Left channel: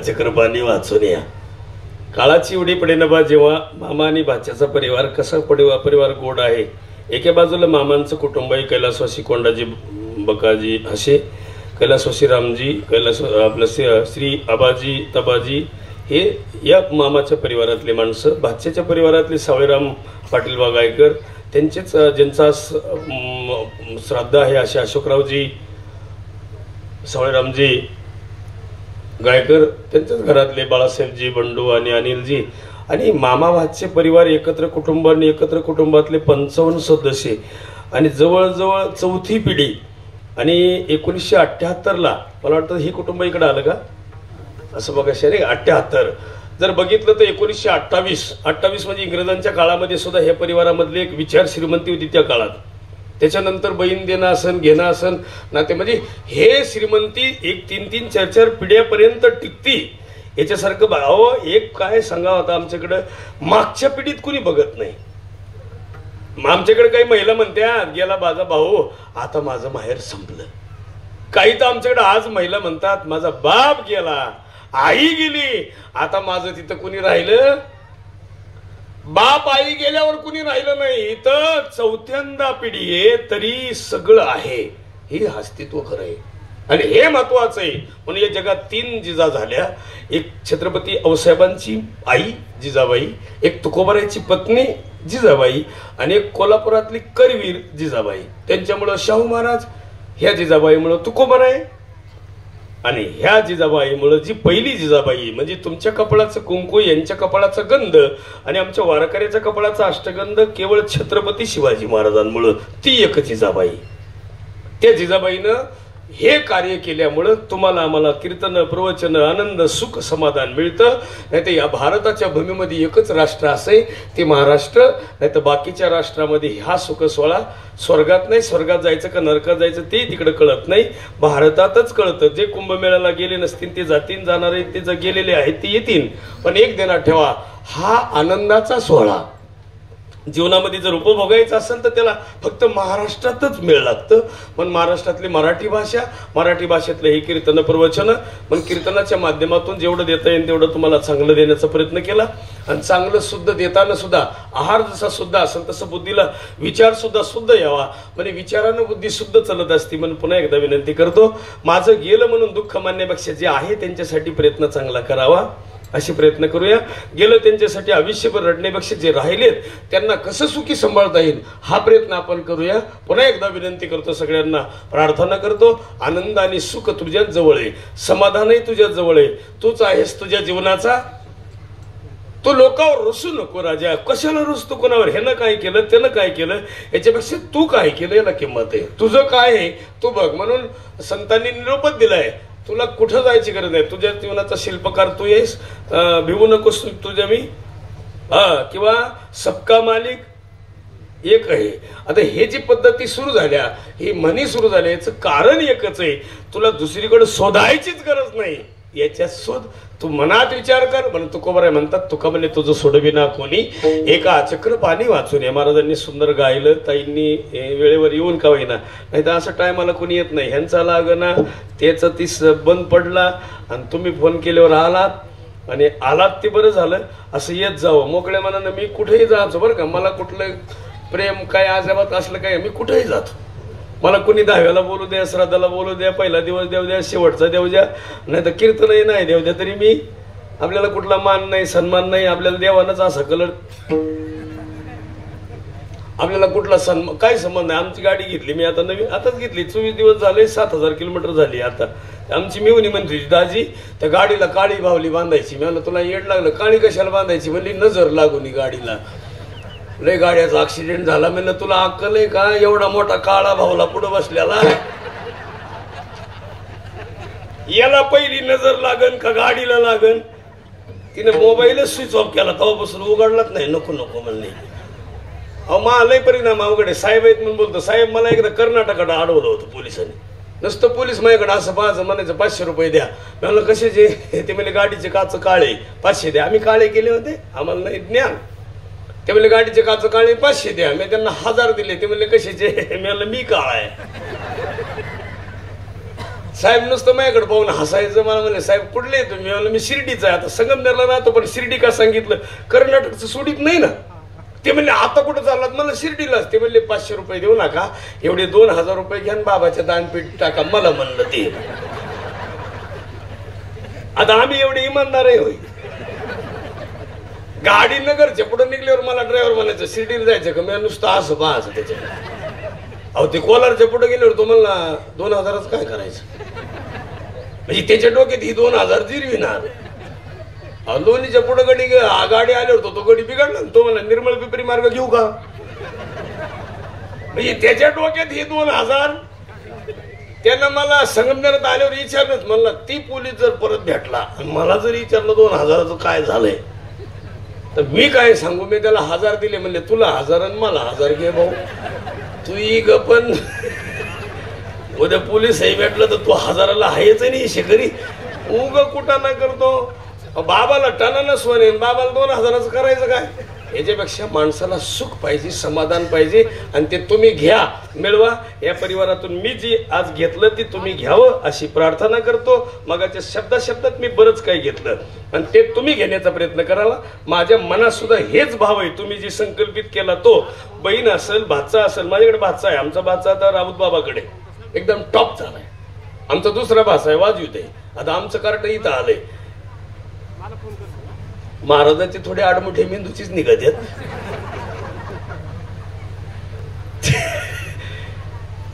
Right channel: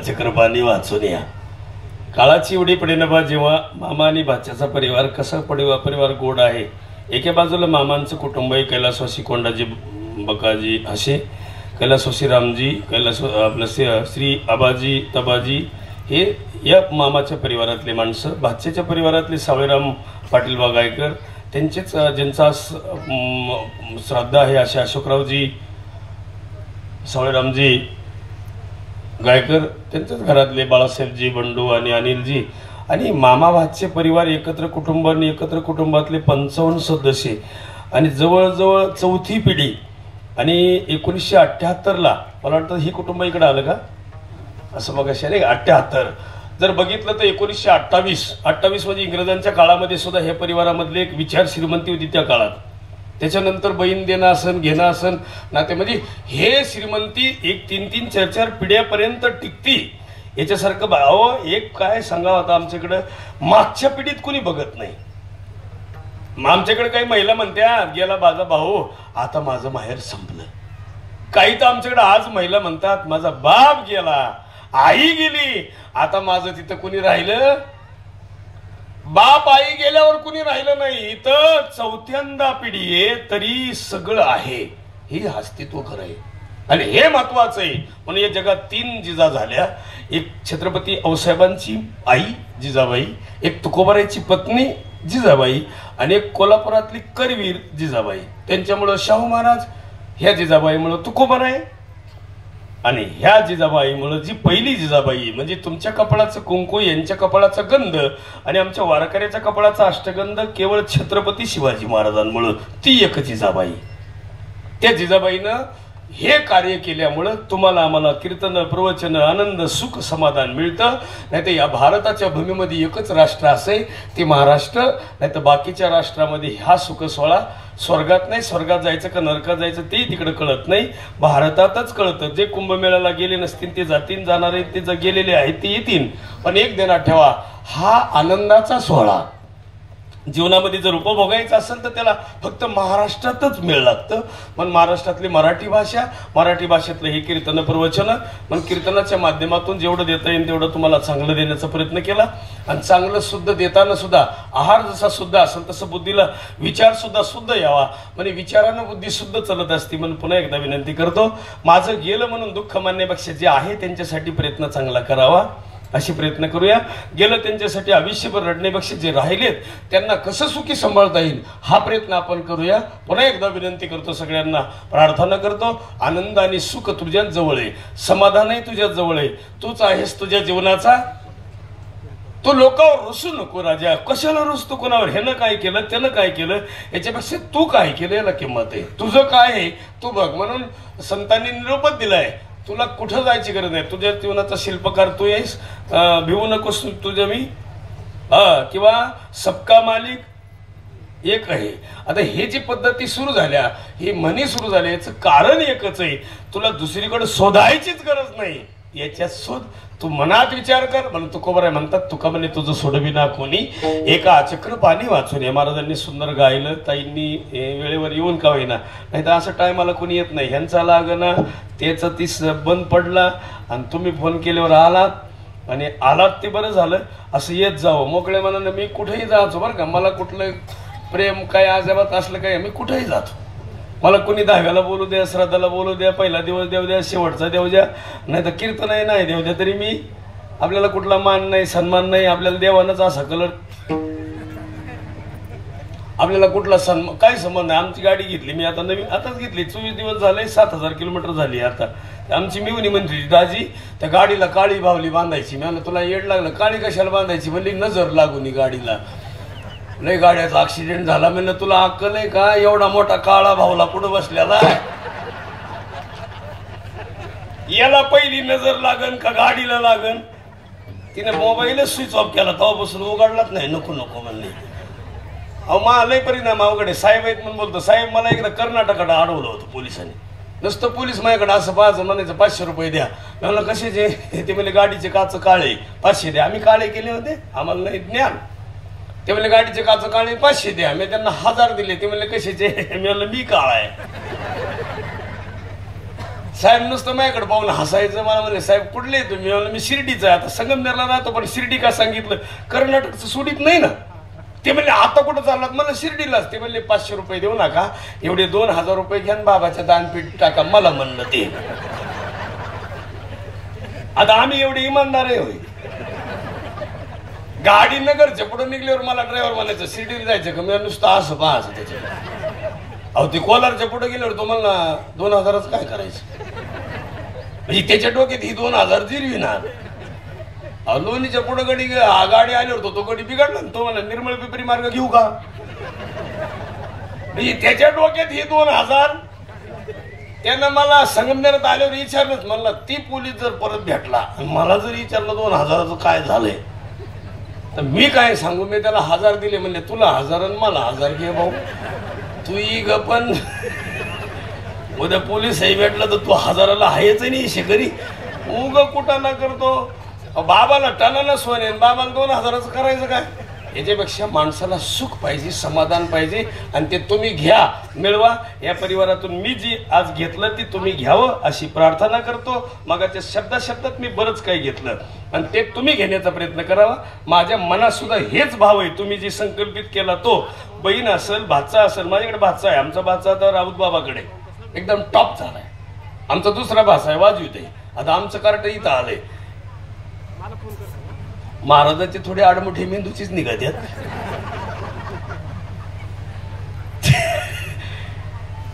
चक्र पाणी वाचून या. काळाची उडी पडेना बा जेव्हा मामा आणि भाच्याचा परिवार कसा परिवार गोड आहे. एका बाजूला मामांचं कुटुंब आहे, कैलासवासी कोंडाजी बकाजी असे, कैलासवासी रामजी, आपलं श्री आबाजी तबाजी हे या मामाच्या परिवारातले माणसं. भाच्याच्या परिवारातले सावळेराम पाटील गायकर त्यांचेच ज्यांचा श्राद्ध आहे असे अशोकरावजी सावळेरामजी गायकर, त्यांच्याच घरातले बाळासाहेबजी बंडू आणि अनिलजी आणि मामा भाचे परिवार एकत्र कुटुंब आणि एकत्र कुटुंबातले 55 सदस्य आणि जवळजवळ चौथी पिढी. आणि 1978ला मला वाटतं ही कुटुंब इकडे आलं का असं बघा नाही 78 जर बघितलं तर 1928 म्हणजे इंग्रजांच्या काळामध्ये सुद्धा ह्या परिवारामधली एक विचार श्रीमंती होती त्या काळात. त्याच्यानंतर बहीण देणं असन घेणं असन नाते म्हणजे हे श्रीमंती एक 3-3, 4-4 पिढ्यापर्यंत टिकती. याच्यासारखं भाव एक काय सांगा होता आमच्याकडं मागच्या पिढीत कुणी बघत नाही. आमच्याकडे काही महिला म्हणत्या गेला माझा भाऊ आता माझं माहेर संपलं. काही तर आमच्याकडे आज महिला म्हणतात माझा बाप गेला आई गेली आता माझं तिथं कुणी राहिलं. बाप आई गेल्यावर कुणी राहिलं नाही. इथं चौथ्यांदा पिढी आहे तरी सगळं आहे. हे अस्तित्व खरं आहे आणि हे महत्वाचं आहे. म्हणून या जगात 3 जिजा झाल्या. एक छत्रपती औसाहेबांची आई जिजाबाई, एक तुकोबारायची पत्नी जिजाबाई आणि एक कोल्हापुरातली करवीर जिजाबाई. त्यांच्यामुळं शाहू महाराज, ह्या जिजाबाईमुळं तुकोबाराय आणि ह्या जिजाबाईमुळं जी पहिली जिजाबाई म्हणजे तुमच्या कपाळाचं कुंकू यांच्या कपाळाचा गंध आणि आमच्या वारकऱ्याच्या कपाळाचा अष्टगंध केवळ छत्रपती शिवाजी महाराजांमुळं ती एक जिजाबाई. त्या जिजाबाईनं हे कार्य केल्यामुळं तुम्हाला आम्हाला कीर्तन प्रवचन आनंद सुख समाधान मिळतं. नाही तर या भारताच्या भूमीमध्ये एकच राष्ट्र असे ते महाराष्ट्र. नाही तर बाकीच्या राष्ट्रामध्ये हा सुख सोहळा स्वर्गात नाही. स्वर्गात जायचं का नरकात जायचं ते तिकडे कळत नाही. भारतातच कळतं. जे कुंभमेळ्याला गेले नसतील ते जातील, जाणारे ते जे गेलेले आहेत ते येतील. पण एक ध्यानात ठेवा हा आनंदाचा सोहळा जीवनामध्ये जर उपभोगायचं असेल तर त्याला फक्त महाराष्ट्रातच मेळ लागतं. पण महाराष्ट्रातली मराठी भाषेतले हे कीर्तन प्रवचन पण कीर्तनाच्या माध्यमातून जेवढं देता येईल तेवढं तुम्हाला चांगलं देण्याचा प्रयत्न केला. आणि चांगलं शुद्ध देताना सुद्धा आहार जसा शुद्ध असेल तसं बुद्धीला विचार सुद्धा शुद्ध यावा. म्हणजे विचारानं बुद्धी शुद्ध चालत असती. म्हणून पुन्हा एकदा विनंती करतो माझं गेलं म्हणून दुःख मानण्यापेक्षा जे आहे त्यांच्यासाठी प्रयत्न चांगला करावा असे प्रयत्न करूया. गेलं त्यांच्यासाठी आयुष्यभर रडण्यापेक्षा जे राहिलेत त्यांना कसं सुखी सांभाळता येईल हा प्रयत्न आपण करूया. पुन्हा एकदा विनंती करतो सगळ्यांना प्रार्थना करतो आनंद आणि सुख तुझ्या जवळ आहे, समाधानही तुझ्या जवळ आहे. तूच आहेस तुझ्या जीवनाचा. तो लोकांवर रुसू नको राजा. कशाला रुसतो कोणावर? ह्यानं काय केलं त्यानं काय केलं याच्यापेक्षा तू काय केलं याला किंमत आहे. तुझं काय आहे तू बघ. म्हणून संतांनी निरोपच दिलाय तुला कुठं जायची गरज नाही. तुझ्या जीवनाचा शिल्पकार तू येस, भिवू नकोस तुझ्या मी किंवा सबका मालिक एक आहे. आता हे जी पद्धती सुरू झाल्या ही म्हणी सुरू झाल्या याचं कारण एकच आहे तुला दुसरीकडे शोधायचीच गरज नाही. याच्यात शोध तू मनात विचार कर. म्हणून तुकोबाराय म्हणतात तुका म्हणे तुझं सोडविना कोणी एका चक्र पाणी वाचून. या महाराजांनी सुंदर गायलं. ताईंनी वेळेवर येऊन का होईना. नाही तर असं टायमाला कोणी येत नाही. ह्यांचा लागना त्याच तीस बंद पडला आणि तुम्ही फोन केल्यावर आलात आणि आलात ते बरं झालं. असं येत जावं मोकळ्या मनानं. मी कुठेही जायचो बरं का. मला कुठलं प्रेम काय अजाबात असलं काय मी कुठेही जातो. मला कोणी 10व्याला बोलू द्या, श्राद्धाला बोलू द्या, पहिला दिवस देऊ द्या, शेवटचा देऊ द्या, नाही तर कीर्तनही नाही देऊ द्या तरी मी. आपल्याला कुठला मान नाही सन्मान नाही. आपल्याला देवानाच असा कलर. आपल्याला कुठला सन्मान काय संबंध नाही. आमची गाडी घेतली मी आता नवीन आताच घेतली. 24 दिवस झाले 7000 किलोमीटर झाली. आता आमची मिवणी म्हणते दाजी त्या गाडीला काळी बावली बांधायची. मी म्हणलं तुला येड लागलं. काळी कशाला बांधायची? म्हणली नजर लागून गाडीला. लय गाड्याचा ऍक्सिडेंट झाला. म्हणलं तुला अक्कल आहे का? एवढा मोठा काळा भावला पुढं बसल्याला याला पहिली नजर लागन का गाडीला लागन? तिने मोबाईलच स्विच ऑफ केला तेव्हापासून उघडलाच नाही. नको नको म्हणले. अहो मला लय परिणाम अवघड आहे. साहेब आहेत म्हणून बोलतो. साहेब मला एकदा कर्नाटकात अडवलं होतं पोलिसांनी. नुसतं पोलीस माझ्याकडे असं पाहायचं म्हणायचं 500 रुपये द्या. म्हणलं कशाचे? ते म्हणजे गाडीचे काच काळे 500 द्या. आम्ही काळे केले होते आम्हाला नाही ज्ञान. ते म्हणले गाडीचे काच काळे 500 द्या. मी त्यांना 1000 दिले. ते म्हणले कशाचे? मी म्हणलं मी काळा आहे. साहेब नुसतं माझ्याकडे पाहून हसायचं. मला म्हणे साहेब कुठले तुम्ही? मला मी शिर्डीचा आहे. आता संगमनेरला राहतो पण शिर्डी का सांगितलं? कर्नाटकचं सोडित नाही ना. ते म्हणले आता कुठं चाललात? मला शिर्डीलाच. ते म्हणले 500 रुपये देऊ नका, एवढे 2000 रुपये घ्या बाबाच्या दानपीठ टाका. मला म्हणलं ते. आता आम्ही एवढे इमानदार आहे होय? गाडी नगरच्या पुढे निघल्यावर मला ड्रायव्हर म्हणायचं शिर्डीला जायचं का? मी नुसतं असं पाहायचं त्याच्या. अहो ते कोलारच्या पुढे गेल्यावर तुम्हाला 2000च काय करायचं? म्हणजे त्याच्या डोक्यात ही 2000 जिरविणार. लोणीच्या पुढे गाडी आल्यावर तो गडी बिघडला. तो मला निर्मळ पिपरी मार्ग घेऊ का? म्हणजे त्याच्या डोक्यात ही 2000. त्यानं मला संगमनेरात आल्यावर विचारलंच. मला ती पोलीस जर परत भेटला मला जर विचारलं 2000चं काय झालंय तर मी काय सांगू? मी त्याला 1000 दिले. म्हणले तुला 1000 आणि मला 1000 घे भाऊ. तू ग पण उद्या पोलीस भेटलं तर तू 1000ला आहेच नाही शेकरी. उग कुठं ना करतो. बाबाला टनानं सोने, बाबाला 2000चं करायचं काय? याच्यापेक्षा माणसाला सुख पाहिजे, समाधान पाहिजे आणि ते तुम्ही घ्या, मिळवा. या परिवारातून मी जी आज घेतलं ती तुम्ही घ्यावं अशी प्रार्थना करतो. मगाच्या शब्दात मी बरंच काही घेतलं आणि ते तुम्ही घेण्याचा प्रयत्न करावा. माझ्या मनात सुद्धा हेच भाव आहे. तुम्ही जी संकल्पित केला तो बहीण असेल, भाचा असेल. माझ्याकडे भाचा आहे. आमचा भाचा आता राऊत बाबाकडे एकदम टॉप झालाय. आमचा दुसरा भाचा आहे वाजवीत आहे. आता आमचं कार्ट इथं आलंय. महाराजांचे थोडे आडमुठे मेंदूचीच निघत आहेत.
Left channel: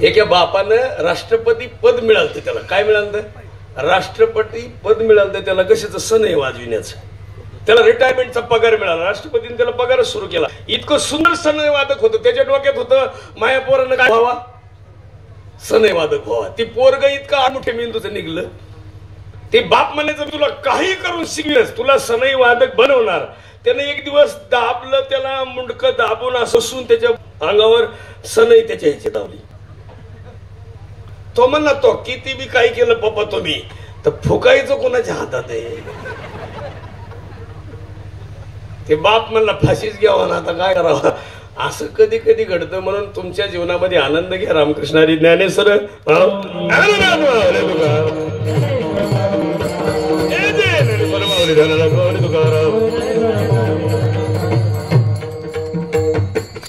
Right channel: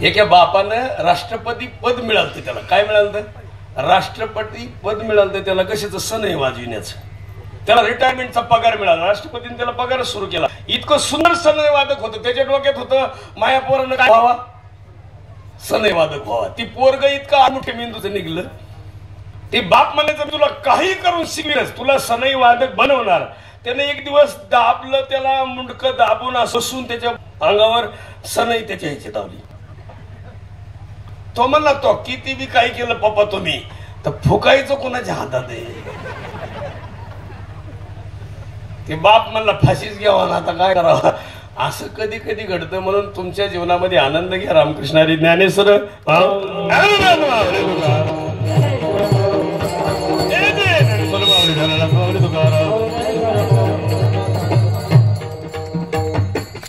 एका बापानं राष्ट्रपती पद मिळालं. त्याला काय मिळालं? राष्ट्रपती पद मिळालं त्याला. कशाचं? सण आहे वाजविण्याचं. त्याला रिटायरमेंटचा पगार मिळाला. राष्ट्रपतीने त्याला पगारच सुरू केला. इतकं सुंदर सनई वादक होतं. त्याच्या डोक्यात होतं माया पोरानं काय व्हावा? सनई वादक व्हावा. ती पोरग इतकं आडमुठे मेंदूचं निघलं. ते बाप म्हणायचं तुला काही करून शिकवेस, तुला सनई वादक बनवणार. त्याने एक दिवस दाबलं त्याला, मुंडकं दाबून असून त्याच्या अंगावर सनई त्याच्या ह्याची दाबली. तो म्हणला तो किती बी काही केलं पप्पा तुम्ही तर फुकायचं कोणाच्या हातात आहे? ते बाप म्हणला फाशीच घ्यावा ना, आता काय करावं? असं कधी कधी घडतं. म्हणून तुमच्या जीवनामध्ये आनंद घ्या. रामकृष्ण हरी ज्ञानेश्वर.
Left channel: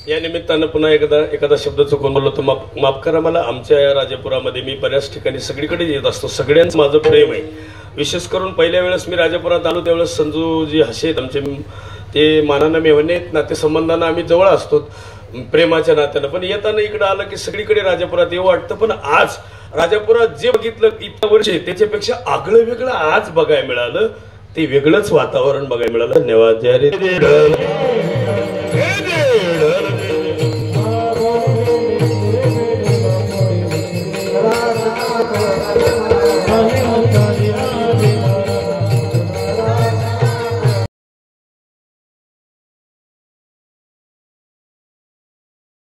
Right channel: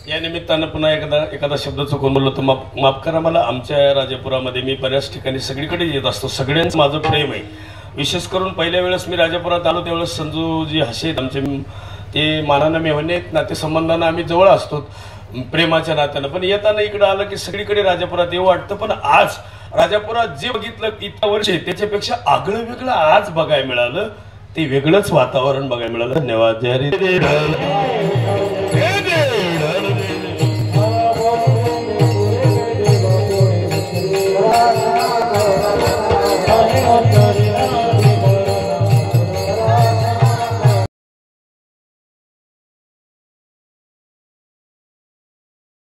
या निमित्तानं पुन्हा एखादा शब्द चुकून बोललो तर माफ करा मला. आमच्या राजापुरामध्ये मी बऱ्याच ठिकाणी सगळीकडे येत असतो. सगळ्यांचं माझं प्रेम आहे. विशेष करून पहिल्या वेळेस मी राजापुरात आलो त्यावेळेस संजूजी हसेत आमचे, ते मानानं मेहने नातेसंबंधानं आम्ही जवळ असतो प्रेमाच्या नात्यानं. पण येताना इकडे आलं की सगळीकडे राजापुरात येऊ वाटतं. पण आज राजापुरात जे बघितलं इतक्या वर्षी त्याच्यापेक्षा आगळं वेगळं आज बघायला मिळालं. ते वेगळंच वातावरण बघायला मिळालं. धन्यवाद. जय